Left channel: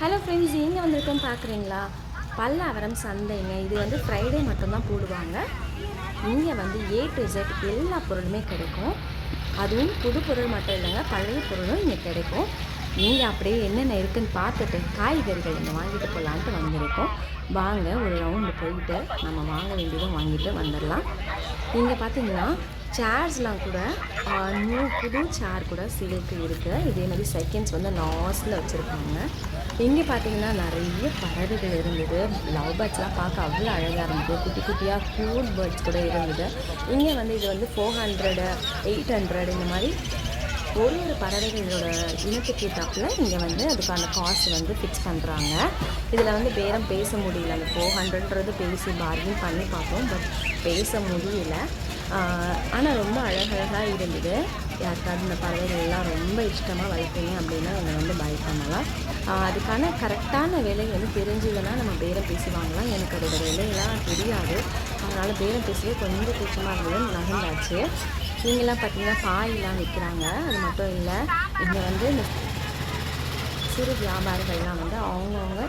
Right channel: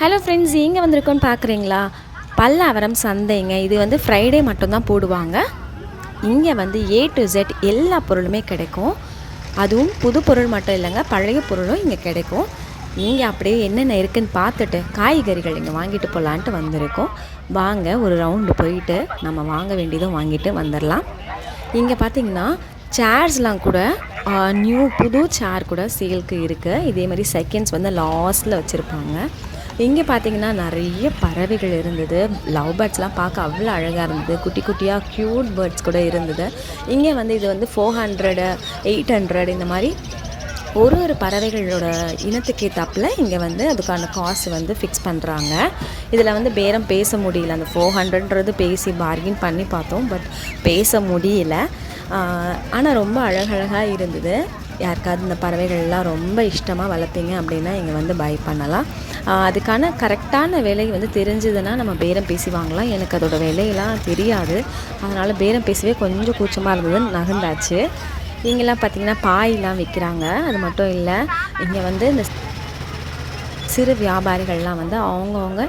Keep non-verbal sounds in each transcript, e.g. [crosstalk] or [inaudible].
Hello friends இங்கே வந்திருக்கோன்னு பார்க்குறீங்களா பல்லாவரம் சந்தைங்க. இது வந்து ஃப்ரைடே மட்டும்தான் போடுவாங்க. இங்கே வந்து ஏ டு ஜெட் எல்லா பொருளுமே கிடைக்கும். அதுவும் புது பொருள் மட்டும் இல்லைங்க பழைய பொருளும் இங்கே கிடைக்கும். நீங்கள் அப்படியே என்னென்ன இருக்குன்னு பார்த்துட்டு காய்கறிகள் இங்கே வாங்கிட்டு போகலான்ட்டு வந்திருக்கோம். வாங்க ஒரு ரவுண்டு போயிட்டு நம்ம வாங்க வேண்டியதும் வாங்கிட்டு வந்துடலாம் இங்கே பார்த்தீங்கன்னா சேர்ஸ்லாம் கூட நியூ புது சேர் கூட சேல்க்கு இருக்குது இதே மாதிரி செகண்ட்ஸ் வந்து லாஸ்ட்டில் வச்சுருப்பாங்க. இங்கே பார்த்தீங்கன்னா நிறைய பறவைகள் இருந்தது. லவ் பேர்ட்ஸ்லாம் பார்க்க அவ்வளோ அழகாக இருந்தது. குட்டி குட்டியாக க்யூட் பேர்ட்ஸ் கூட இருந்தது. இங்கே வந்து இது வந்து ஃபோர் ஹண்ட்ரடு எயிட் ஹண்ட்ரட் இந்த மாதிரி ஒரு ஒரு பறவைகளோட இனத்துக்கு ஏற்றாப்பில் இங்கே வந்து அதுக்கான காசு வந்து ஃபிக்ஸ் பண்ணுறாங்க இதில் வந்து பேரம் பேச முடியல. அந்த ஃபோர் ஹண்ட்ரட்ன்றது பேசி பார்கின் பண்ணி பார்த்தோம். பட் பேச முடியல. ஆனால் ரொம்ப அழகழகாக இருந்தது. யாருக்காவது இந்த பறவைகள்லாம் ரொம்ப இஷ்டமாக வளர்ப்பீங்க அப்படின்னா இங்கே வந்து பை பண்ணலாம். அதுக்கான கரெக்டான விலை வந்து தெரிஞ்சதுன்னா நம்ம பேரம் பேசி வாங்கலாம். எனக்கு அதோட விலையெல்லாம் தெரியாது. அதனால் பேரம் பேசவே கொஞ்சம் கூச்சமாக இருந்தது நகர்ந்தாச்சு. இங்கெல்லாம் பார்த்தீங்கன்னா பாயெலாம் விற்கிறாங்க. அது மட்டும் இல்லை இங்கே வந்து இந்த சிறு வியாபாரிகள்லாம் வந்து அவங்கவுங்க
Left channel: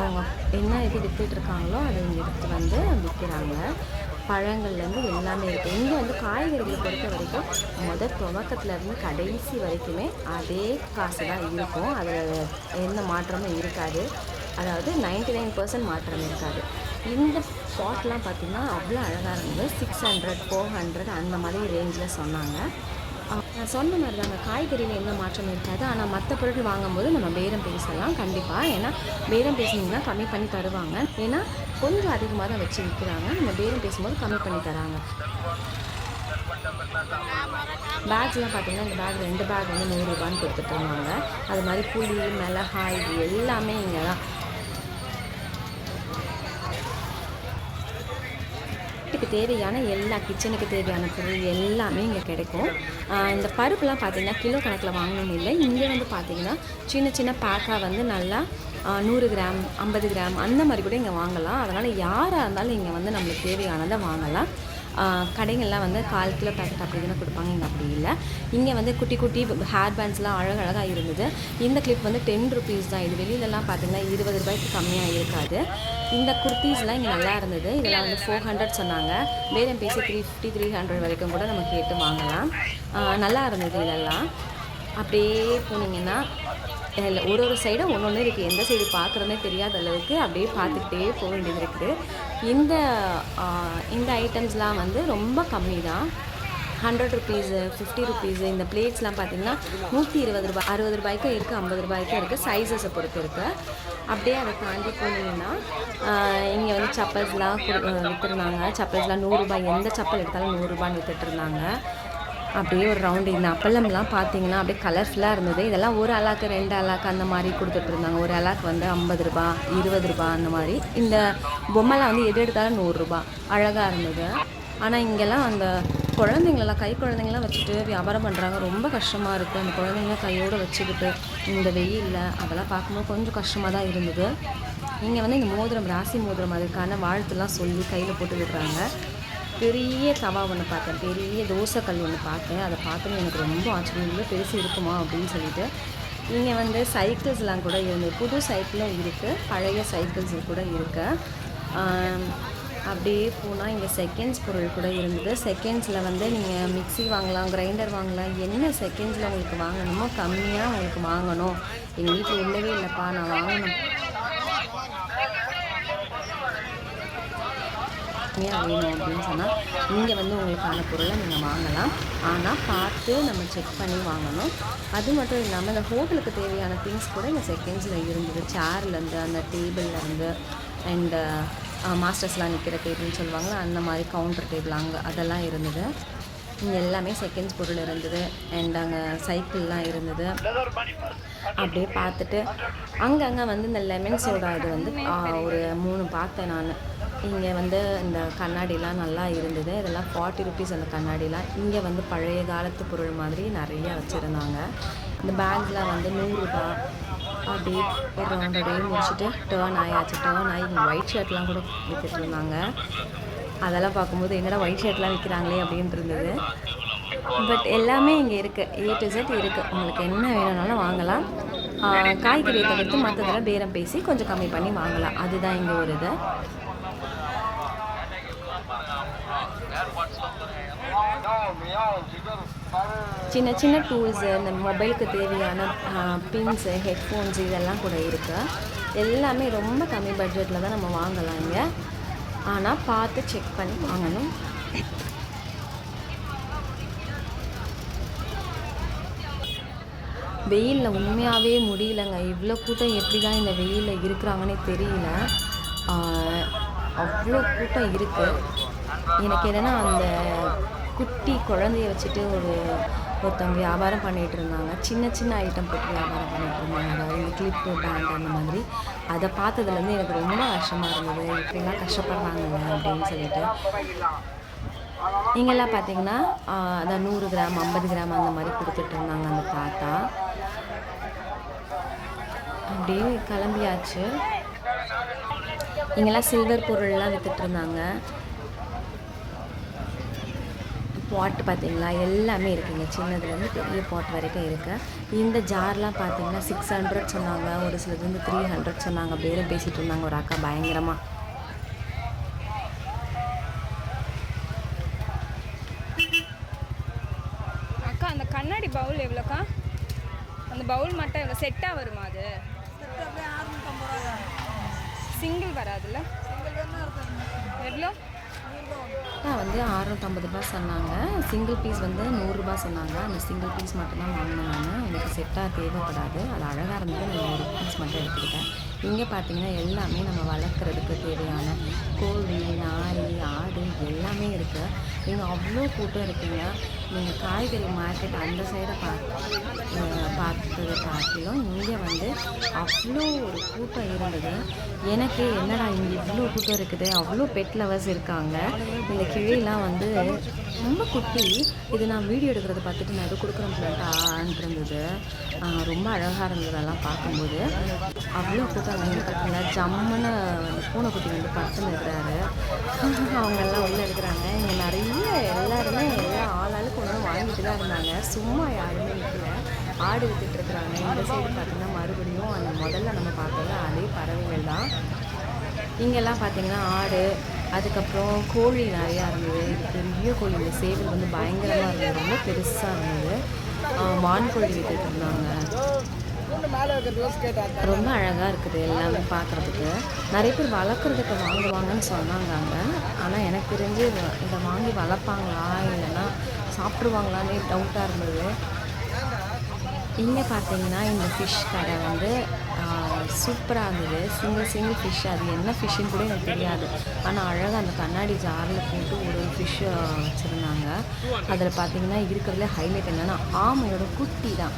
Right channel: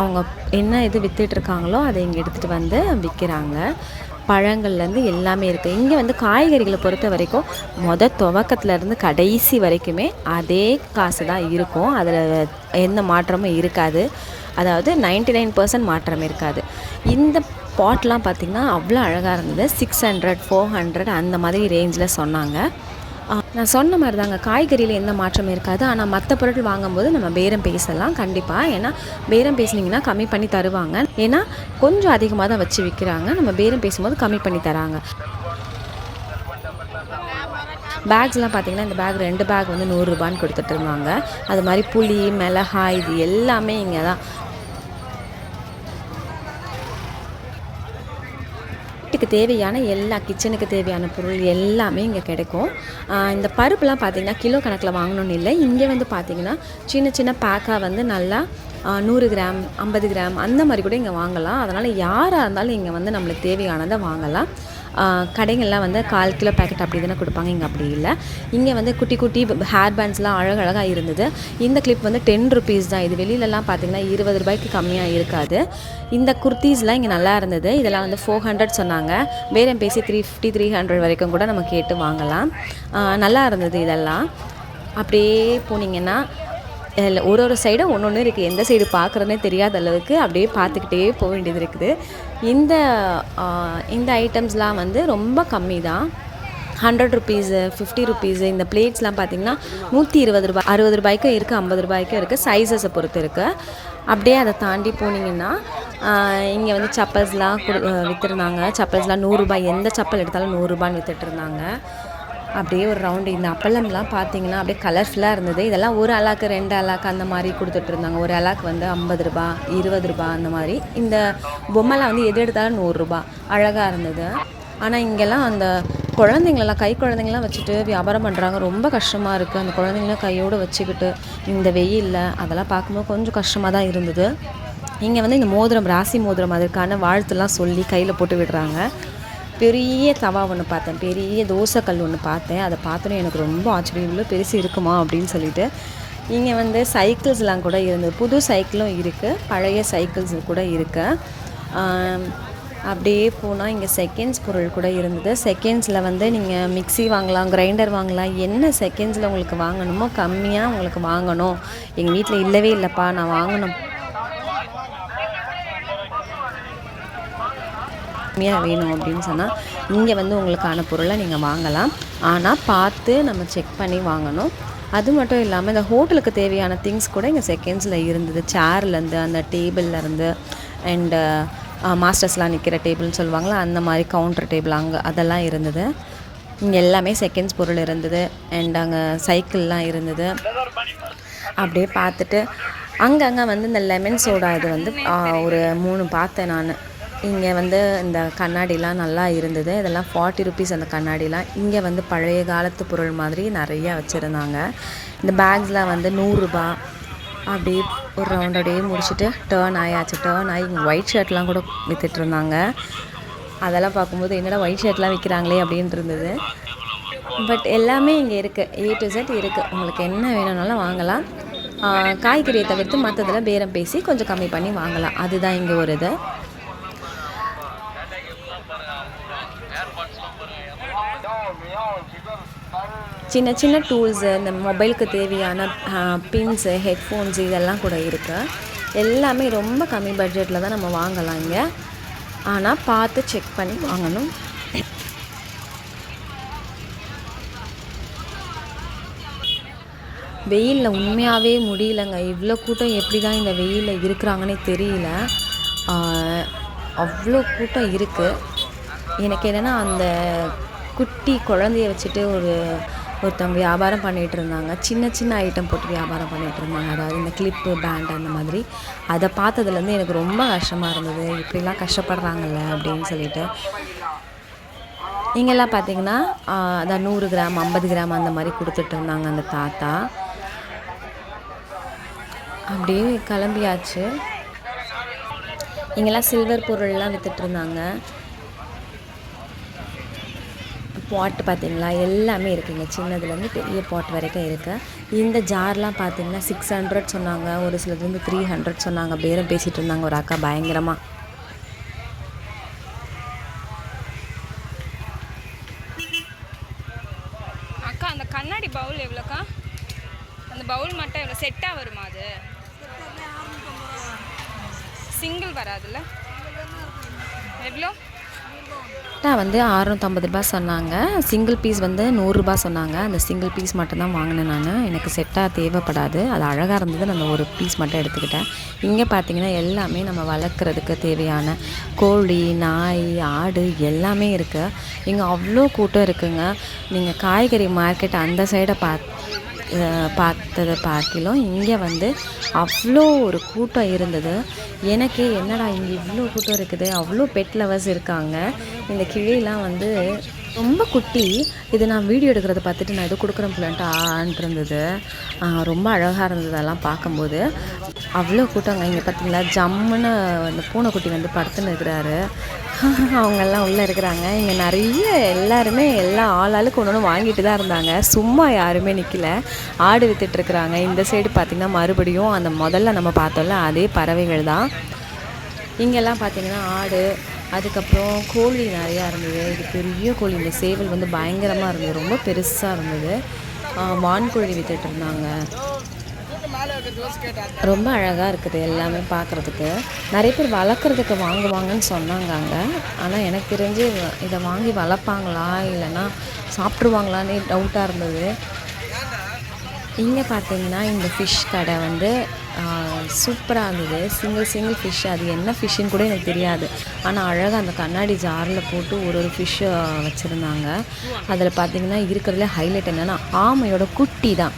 அவங்க என்ன இது விற்றுட்ருக்காங்களோ அதை இங்கே எடுத்துகிட்டு வந்து விற்கிறாங்க பழங்கள்லேருந்து எல்லாமே இருக்குது இங்கே வந்து காய்கறிகளை பொறுத்த வரைக்கும் மொத துவக்கத்துலேருந்து கடைசி வரைக்குமே அதே காசு தான் இருக்கும். அதில் எந்த மாற்றமும் இருக்காது. அதாவது 99% நைன் பர்சன்ட் மாற்றம் இருக்காது. இந்த பாட்லாம் பார்த்திங்கன்னா அவ்வளோ அழகாக இருந்தது. சிக்ஸ் ஹண்ட்ரட் ஃபோர் ஹண்ட்ரட் அந்த மாதிரி ரேஞ்சில் சொன்னாங்க. நான் சொன்ன மாதிரி தாங்க காய்கறியில் எந்த மாற்றமும் இருக்காது. ஆனால் மற்ற பொருட்கள் வாங்கும்போது நம்ம பேரம் பேசலாம் கண்டிப்பாக ஏன்னா பேரம் பேசுனீங்கன்னா கம்மி பண்ணி தருவாங்க. ஏன்னா கொஞ்சம் அதிகமாக தான் வச்சு விற்கிறாங்க நம்ம பேரம் பேசும்போது கம்மி பண்ணி தராங்க. பேக்ஸ்லாம் பார்த்தீங்கன்னா இந்த பேக் ரெண்டு பேக் வந்து நூறுரூபான்னு கொடுத்துட்டு இருந்தாங்க. அது மாதிரி புளி மிளகாய் இது எல்லாமே இங்கே தான் தேவையான எல்லா கிச்சனுக்கு தேவையான பொருள் எல்லாமே இங்கே கிடைக்கும். இந்த பருப்புலாம் பார்த்திங்கன்னா கிலோ கணக்கில் வாங்கணும்னு இல்லை. இங்கே வந்து பார்த்திங்கன்னா சின்ன சின்ன பேக்காக வந்து நல்லா நூறு கிராம் ஐம்பது கிராம் அந்த மாதிரி கூட இங்கே வாங்கலாம். அதனால் யாராக இருந்தாலும் இங்கே வந்து நம்மளுக்கு தேவையானதை வாங்கலாம். கடைகள்லாம் வந்து கால் கிலோ பேக்கெட் அப்படி தானே கொடுப்பாங்க இங்கே அப்படி இல்லை. இங்கே வந்து குட்டி குட்டி ஹேர் பேண்ட்ஸ்லாம் அழகழகாக இருந்தது. இந்த கிளிப் வந்து டென் ருபீஸ் தான். இது வெளியிலலாம் பார்த்தீங்கன்னா இருபது ரூபாய்க்கு கம்மியாக இருக்காது. இந்த குர்த்தீஸ்லாம் இங்கே நல்லா இருந்தது. இதெல்லாம் வந்து ஃபோர் ஹண்ட்ரட் சொன்னாங்க. பேரம் பேசி த்ரீ ஃபிஃப்டி த்ரீ ஹண்ட்ரட் வரைக்கும் கூட நம்ம கேட்டு வாங்கலாம். நல்லா இருந்தது இதெல்லாம். அப்படியே போனீங்கன்னா இல்லை ஒரு ஒரு சைடும் ஒன்று ஒன்று இருக்குது எந்த சைடு பார்க்குறதுனே தெரியாத அளவுக்கு அப்படியே பார்த்துக்கிட்டே போக வேண்டியது இருக்குது. இந்த இந்த ஐட்டம்ஸ்லாம் வந்து ரொம்ப கம்மி தான் ஹண்ட்ரட் ருபீஸு ஃபிஃப்டி ருபீஸு இந்த பிளேட்ஸ்லாம் பார்த்திங்கன்னா நூற்றி இருபது ரூபாய் அறுபது ரூபாய்க்கும் இருக்குது ஐம்பது ரூபாய்க்கும் இருக்குது சைஸஸை பொறுத்து இருக்குது அப்படியே அதை தாண்டி போனீங்கன்னா இங்கே வந்து சப்பல்ஸ்லாம் கொடு விற்றுருந்தாங்க சப்பல்ஸ்லாம் நூறுரூபாய் எந்த சப்பல் எடுத்தாலும் நூறுரூபான்னு விற்றுட்டு இருந்தாங்க. அப்படியே ஒரு ரவுண்டு இந்த அப்பளம்லாம் பார்த்தீங்கன்னா அப்படியே கலர்ஃபுல்லாக இருந்தது. இதெல்லாம் ஒரு அலாக்கு ரெண்டு அலாக்கு அந்த மாதிரி கொடுத்துட்ருந்தாங்க ஒரு அலாக்கு வந்து ஐம்பது ரூபா இருபது ரூபா அந்த மாதிரி. இந்த பொம்மைலாம் வந்து எது எடுத்தாலும் நூறுரூபா அழகாக இருந்தது. ஆனால் இங்கெல்லாம் அந்த குழந்தைங்களெல்லாம் கை குழந்தைங்களாம் வச்சுட்டு வியாபாரம் பண்ணுறாங்க ரொம்ப கஷ்டமாக இருக்குது அந்த குழந்தைங்களாம் கையோடு வச்சுக்கிட்டு இந்த வெயிலில் அதெல்லாம் பார்க்கும்போது கொஞ்சம் கஷ்டமாக தான் இருந்தது. இங்கே வந்து இந்த மோதிரம் ராசி மோதிரம் அதற்கான வாழ்த்துலாம் சொல்லி கையில் போட்டு விடுறாங்க. பெரிய தவா ஒன்று பார்த்தேன். பெரிய தோசைக்கல் ஒன்று பார்த்தேன். அதை பார்த்தோன்னே எனக்கு ரொம்ப ஆச்சரியம். இவ்வளோ பெருசு இருக்குமா அப்படின்னு சொல்லிட்டு. இங்கே வந்து சைக்கிள்ஸ்லாம் கூட இருந்தது புது சைக்கிளும் இருக்குது பழைய சைக்கிள்ஸ் கூட இருக்குது அப்படியே போனால் இங்கே செகண்ட்ஸ் பொருள் கூட இருந்தது. செகண்ட்ஸில் வந்து நீங்கள் மிக்ஸி வாங்கலாம் கிரைண்டர் வாங்கலாம். என்ன செகண்ட்ஸில் உங்களுக்கு வாங்கணுமோ கம்மியாக உங்களுக்கு வாங்கணும். எங்கள் வீட்டில் இல்லவே இல்லைப்பா நான் வாங்கணும். கம்மியாக வேணும் அப்படின்னு சொன்னால் இங்கே வந்து உங்களுக்கான பொருளை நீங்கள் வாங்கலாம். ஆனால் பார்த்து நம்ம செக் பண்ணி வாங்கணும். அது மட்டும் இல்லாமல் இந்த ஹோட்டலுக்கு தேவையான திங்ஸ் கூட இங்கே செகண்ட்ஸில் இருந்தது. சேர்லேருந்து அந்த டேபிள்லேருந்து அண்டு மாஸ்டர்ஸ்லாம் நிற்கிற டேபிள்னு சொல்லுவாங்களா அந்த மாதிரி கவுண்டர் டேபிள் அங்கே அதெல்லாம் இருந்தது. இங்கே எல்லாமே செகண்ட்ஸ் பொருள் இருந்தது. அண்ட் அங்கே சைக்கிள்லாம் இருந்தது. அப்படியே பார்த்துட்டு அங்கங்கே வந்து இந்த லெமன் சோடா இது வந்து ஒரு மூணு பார்த்தேன் நான். இங்கே வந்து இந்த கண்ணாடிலாம் நல்லா இருந்தது. இதெல்லாம் ஃபார்ட்டி ருபீஸ் அந்த கண்ணாடிலாம். இங்கே வந்து பழைய காலத்து பொருள் மாதிரி நிறையா வச்சுருந்தாங்க. இந்த பேக்ஸ்லாம் வந்து நூறுரூபா அப்படியே ஒரு ரவுண்ட் அப்படியே முடிச்சுட்டு டேர்ன் ஆயாச்சு. டேர்ன் ஆகி இங்கே ஒயிட் ஷர்ட்லாம் கூட விற்றுட்ருந்தாங்க இருந்தாங்க அதெல்லாம் பார்க்கும்போது என்னடா ஒயிட் ஷர்ட்லாம் விற்கிறாங்களே அப்படின்ட்டு இருந்தது. பட் எல்லாமே இங்கே இருக்குது ஏ டு செட் இருக்குது உங்களுக்கு என்ன வேணும்னாலும் வாங்கலாம். காய்கறியை தவிர்த்து மற்றதில் பேரம் பேசி கொஞ்சம் கம்மி பண்ணி வாங்கலாம். அதுதான் இங்கே ஒரு இது. சின்ன சின்ன டூல்ஸு இந்த மொபைலுக்கு தேவையான பின்ஸு ஹெட்ஃபோன்ஸு இதெல்லாம் கூட இருக்குது எல்லாமே ரொம்ப கம்மி பட்ஜெட்டில் தான் நம்ம வாங்கலாம் இங்கே. ஆனால் பார்த்து செக் பண்ணி வாங்கணும். வெயிலில் உண்மையாகவே முடியலங்க. இவ்வளோ கூட்டம் எப்படி தான் இந்த வெயிலில் இருக்கிறாங்கன்னே தெரியல. அவ்வளோ கூட்டம் இருக்குது எனக்கு என்னென்னா அந்த குட்டி குழந்தைய வச்சுட்டு ஒரு ஒருத்தவங்க வியாபாரம் பண்ணிகிட்டு இருந்தாங்க. சின்ன சின்ன ஐட்டம் போட்டு வியாபாரம் பண்ணிகிட்டு இருந்தாங்க. அதாவது இந்த கிளிப்பு பேண்ட் அந்த மாதிரி. அதை பார்த்ததுலேருந்து எனக்கு ரொம்ப கஷ்டமாக இருந்தது. இப்படிலாம் கஷ்டப்படுறாங்கல்ல அப்படின்னு சொல்லிட்டு. இங்கெல்லாம் பார்த்தீங்கன்னா அதான் நூறு கிராம் ஐம்பது கிராம் அந்த மாதிரி கொடுத்துட்டு இருந்தாங்க அந்த தாத்தா. அப்படியே கிளம்பியாச்சு. இங்கெல்லாம் சில்வர் பொருள்லாம் விற்றுட்டு இருந்தாங்க. பாட்டு பார்த்தீங்களா? எல்லாமே இருக்குங்க. சின்னதுலேருந்து பெரிய பாட் வரைக்கும் இருக்குது இந்த ஜார்லாம் பார்த்தீங்கன்னா சிக்ஸ் ஹண்ட்ரட் சொன்னாங்க. ஒரு சிலது வந்து த்ரீ ஹண்ட்ரட் சொன்னாங்க. பேரம் பேசிகிட்டு இருந்தாங்க. ஒரு அக்கா பயங்கரமாக அக்கா அந்த கண்ணாடி பவுல் எவ்வளோக்கா? அந்த பவுல் மட்டும் எவ்வளோ? செட்டாக வருமா அது? சிங்கிள் வராதுல்ல? எவ்வளோ? சட்டை வந்து அறநூற்றம்பது ரூபாய் சொன்னாங்க. சிங்கிள் பீஸ் வந்து நூறுரூபா சொன்னாங்க. அந்த சிங்கிள் பீஸ் மட்டும்தான் வாங்கினேன் நான். எனக்கு செட்டாக தேவைப்படாது. அது அழகாக இருந்தது. நான் ஒரு பீஸ் மட்டும் எடுத்துக்கிட்டேன். இங்கே பார்த்தீங்கன்னா எல்லாமே நம்ம வளர்க்குறதுக்கு தேவையான கோழி நாய் ஆடு எல்லாமே இருக்குது இங்கே அவ்வளோ கூட்டம் இருக்குங்க. நீங்கள் காய்கறி மார்க்கெட் அந்த சைடை பார்த்து பார்த்ததை பார்த்திலும் இங்கே வந்து அவ்வளோ ஒரு கூட்டம் இருந்தது. எனக்கே என்னடா இங்கே இவ்வளோ கூட்டம் இருக்குது? அவ்வளோ பெட் லவர்ஸ் இருக்காங்க. இந்த கிளியெலாம் வந்து ரொம்ப குட்டி. இது நான் வீடியோ எடுக்கிறத பார்த்துட்டு நான் இது கொடுக்குறேன் பிள்ளைன்ட்டு ஆன்ட்டு ரொம்ப அழகாக இருந்தது அதெல்லாம் பார்க்கும்போது. அவ்வளோ கூட்டம் இங்கே பார்த்தீங்களா? ஜம்முன்னு அந்த பூனைக்குட்டி வந்து படுத்துன்னு இருக்கிறாரு. [laughs] அவங்கெல்லாம் உள்ளே இருக்கிறாங்க. இங்கே நிறைய எல்லாருமே எல்லா ஆளாளுக்கு ஒன்று ஒன்று வாங்கிட்டு தான் இருந்தாங்க. சும்மா யாருமே நிற்கல ஆடு வித்துட்ருக்குறாங்க இந்த சைடு பார்த்திங்கன்னா மறுபடியும் அந்த முதல்ல நம்ம பார்த்தோம்ல அதே பறவைகள் தான். இங்கெல்லாம் பார்த்தீங்கன்னா ஆடு அதுக்கப்புறம் கோழி நிறையா இருந்தது. இது பெரிய கோழி இந்த சேவல் வந்து பயங்கரமாக இருந்தது. ரொம்ப பெருசாக இருந்தது. வான்கோழி வித்துட்டு இருந்தாங்க. ரொம்ப அழகாக இருக்குது எல்லாமே பார்க்குறதுக்கு நிறைய பேர் வளர்க்குறதுக்கு வாங்குவாங்கன்னு சொன்னாங்க அங்கே. ஆனால் எனக்கு தெரிஞ்சு இதை வாங்கி வளர்ப்பாங்களா இல்லைன்னா சாப்பிட்ருவாங்களான்னு டவுட்டாக இருந்தது. இங்கே பார்த்தீங்கன்னா இந்த ஃபிஷ் கடை வந்து சூப்பராக இருந்தது. சிங்கிள் சிங்கிள் ஃபிஷ் அது என்ன ஃபிஷ்ஷுன்னு கூட எனக்கு தெரியாது. ஆனால் அழகாக அந்த கண்ணாடி ஜாரில் போட்டு ஒரு ஒரு ஃபிஷ்ஷை வச்சுருந்தாங்க. அதில் பார்த்தீங்கன்னா இருக்கிறதுல ஹைலைட் என்னென்னா ஆமையோட குட்டி தான்.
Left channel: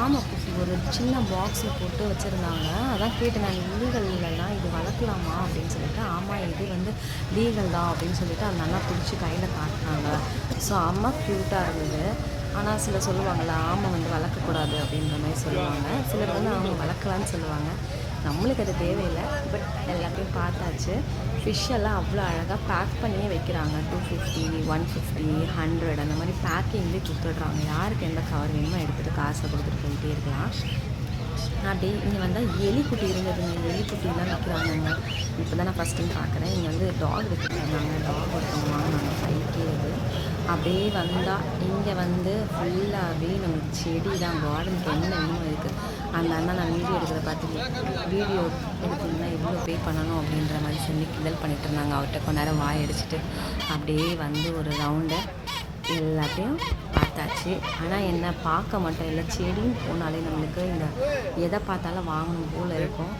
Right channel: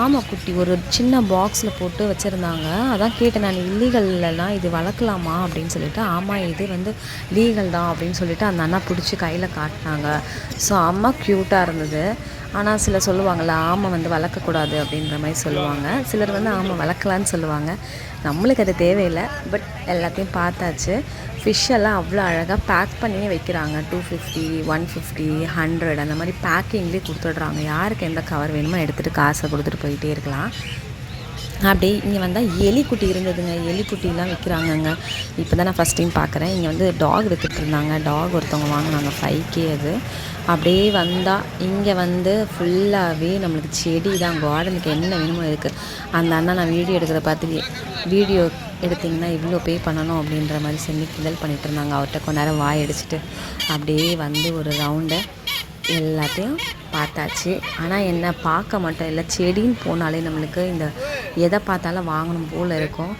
ஆமை குட்டி ஒரு சின்ன பாக்ஸில் போட்டு வச்சுருந்தாங்க. அதான் கேட்டேன் நான் இல்லீகல்லாம் இது வளர்க்கலாமா? அப்படின்னு சொல்லிட்டு ஆமாம் இது வந்து லீகல் தான் அப்படின்னு சொல்லிட்டு அந்த அண்ணா பிடிச்சி கையில் காட்டினாங்க. ஸோ அம்மா க்யூட்டாக இருந்தது. ஆனால் சிலர் சொல்லுவாங்கள்ல ஆமை வந்து வளர்க்கக்கூடாது அப்படின்ற மாதிரி சொல்லுவாங்க. சிலர் வந்து ஆமை வளர்க்கலான்னு சொல்லுவாங்க. நம்மளுக்கு அது தேவையில்லை பட் எல்லாத்தையும் பார்த்தாச்சு. ஃபிஷ் எல்லாம் அவ்வளோ அழகாக பேக் பண்ணியே வைக்கிறாங்க. Two fifty one fifty hundred அந்த மாதிரி பேக்கிங்லேயே கொடுத்துட்றாங்க. யாருக்கு எந்த கவர் வேணுமோ எடுத்துகிட்டு காசை கொடுத்துட்டு போயிட்டே இருக்கலாம். அப்படியே இங்கே வந்தால் எலிக்குட்டி இருந்ததுங்க. எலிக்குட்டிலாம் விற்கிறாங்கங்க இப்போ தான் நான் ஃபஸ்ட் டைம் பார்க்குறேன் இங்கே வந்து டாக் வித்துட்டு இருந்தாங்க டாக் ஒருத்தவங்க வாங்கினாங்க. ஃபைவ் கே அது. அப்படியே வந்தால் இங்கே வந்து ஃபுல்லாகவே நம்மளுக்கு செடி தான் கார்டனுக்கு என்ன வேணுமோ இருக்குது அந்த அண்ணா நான் வீடியோ எடுக்கிறத பார்த்து வீடியோ எடுத்திங்கன்னா இவ்வளோ பே பண்ணணும் அப்படின்ற மாதிரி சொல்லி கிண்டல் பண்ணிகிட்டு இருந்தாங்க அவர்கிட்ட கொஞ்ச நேரம் வாய் அடிச்சுட்டு அப்படியே வந்து ஒரு ரவுண்டை எல்லாத்தையும் பார்த்தாச்சு. ஆனால் என்ன பார்க்க மாட்டோம் இல்லை செடின்னு போனாலே நம்மளுக்கு இந்த எதை பார்த்தாலும் வாங்கணும் போல் இருக்கும்.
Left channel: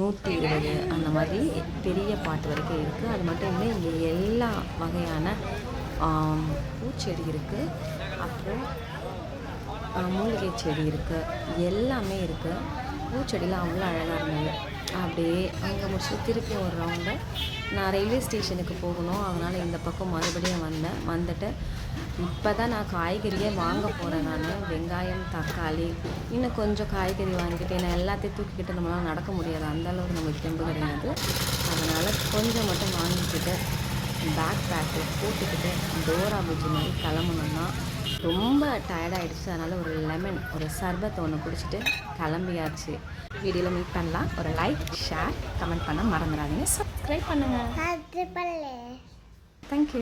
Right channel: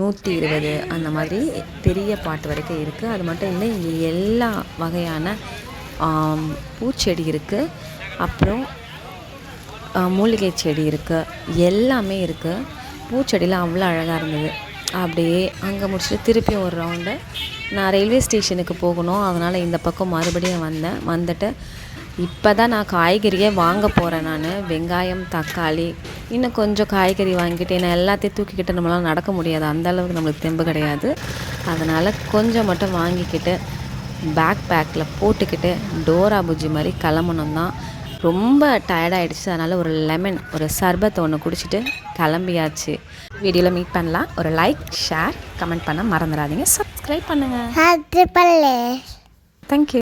நூற்றி இருபது அந்த மாதிரி பெரிய பாட்டு வரைக்கும் இருக்குது அது மட்டும் இல்லை இங்கே எல்லா வகையான பூச்செடி இருக்குது அப்புறம் மூலிகை செடி இருக்குது எல்லாமே இருக்குது பூச்செடிலாம் அவ்வளோ அழகாக இருந்தது. அப்படியே அங்கே முடிச்சுட்டு திருப்பியும் ஒரு ரவுண்டு நான் ரயில்வே ஸ்டேஷனுக்கு போகணும். அதனால் இந்த பக்கம் மறுபடியும் வந்தேன். வந்துட்டு இப்போ தான் நான் காய்கறியே வாங்க போகிறேன் நான். வெங்காயம் தக்காளி இன்னும் கொஞ்சம் காய்கறி வாங்கிட்டு நான் எல்லாத்தையும் தூக்கிக்கிட்டு நம்மளால் நடக்க முடியாது. அந்த அளவுக்கு நம்மளுக்கு தெம்பு கிடையாது. அதனால் கொஞ்சம் மட்டும் வாங்கிக்கிட்டு பேக் பேக்கில் போட்டுக்கிட்டு டோரா புஜ்ஜி மாதிரி கிளம்பணும் தான் ரொம்ப டயர்டாயிடுச்சு அதனால் ஒரு லெமன் ஒரு சர்பத்தை ஒன்று குடிச்சிட்டு கிளம்பியாச்சு. வீடியோவில் மீட் பண்ணலாம். ஒரு லைக் ஷேர் கமெண்ட் பண்ண மறந்துடாதீங்க. சப்ஸ்கிரைப் பண்ணுங்கள் தேங்க்யூ